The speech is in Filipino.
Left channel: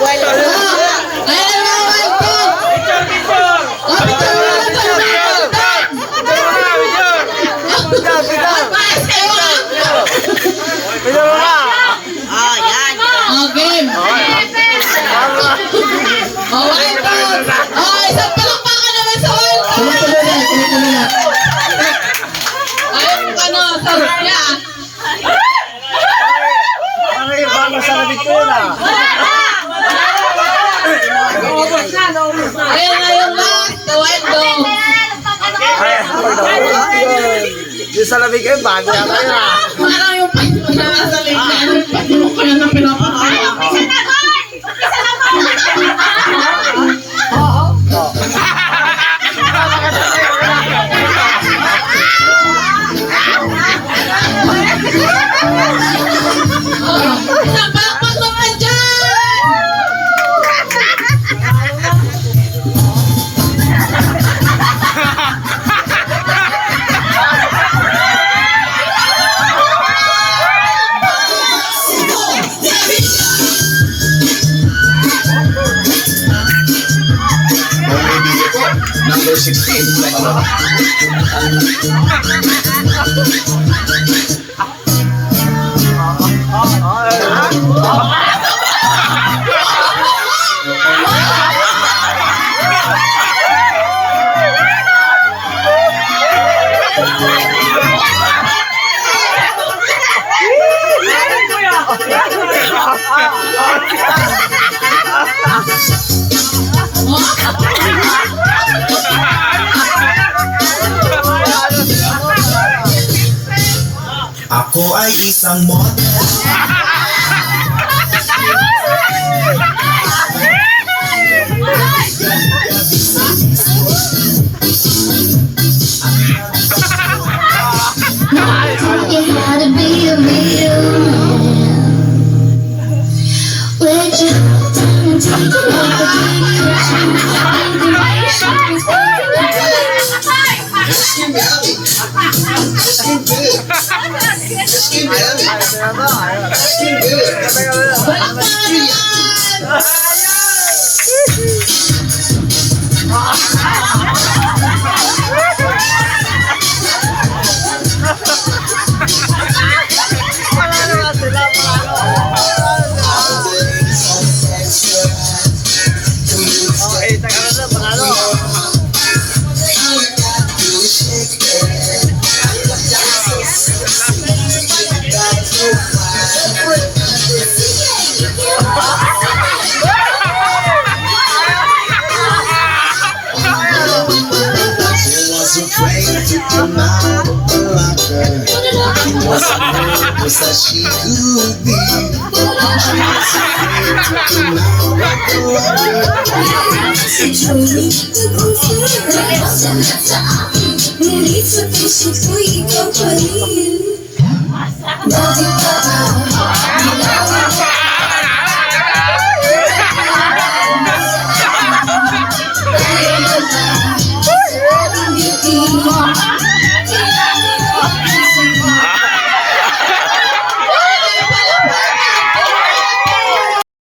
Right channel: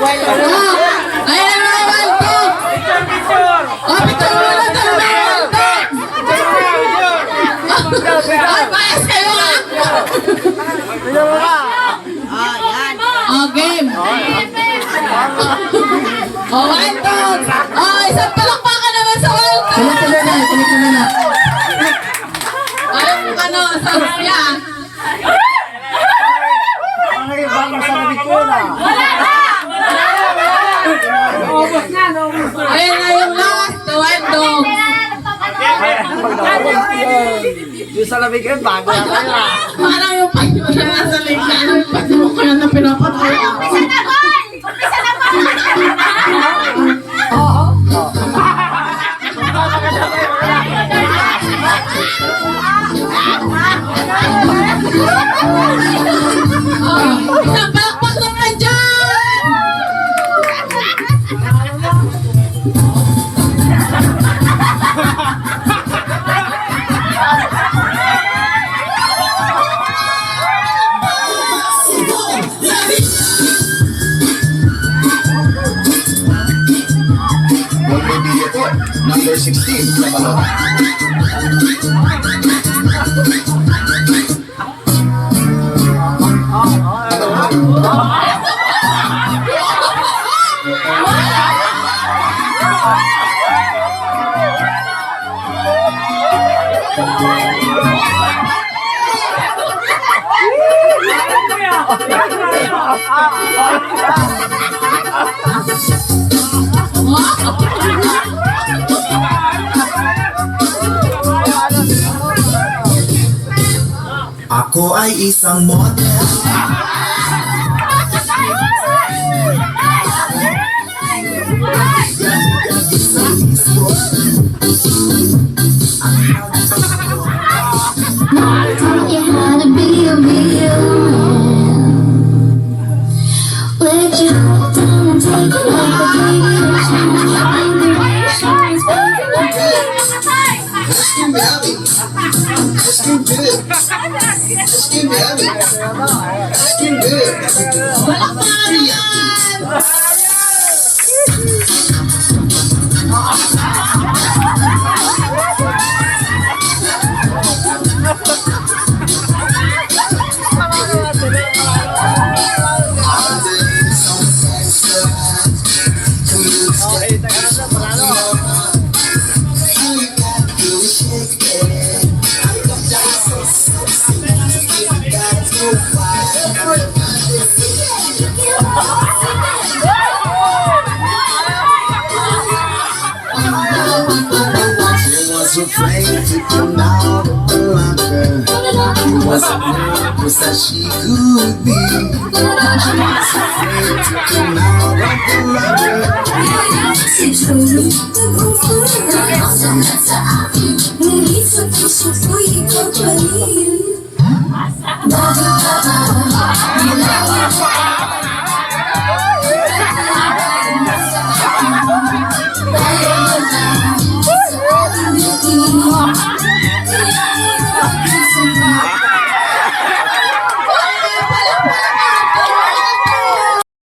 Wala na. Ayan na, wild dog. Oh, picture mo na ito. Ay, paas kayo ah. Oh, game. Oh, wild dog. Oh, isang palakpakan naman sa wild dog. Tuloy na. Ayun, ano, sa niya. Ayan na yung last, the wild dog. Yung sa lamig kayo, bago yan kayo. Parang yung payo na nasa ligla, yung payo ko na pinapatay. Napakpak naman dyan! Number 16. Ako ay isang model. You had to be a real man. Let your heart down and take it over. Give you a chance. Inspiration is broken up to Just give me honey. Just give good. Just give me honey. Just give good. Palakpakan naman! Afraid to come out of the locker. He was nervous as she could be. She was afraid to come out of the locker. Love you,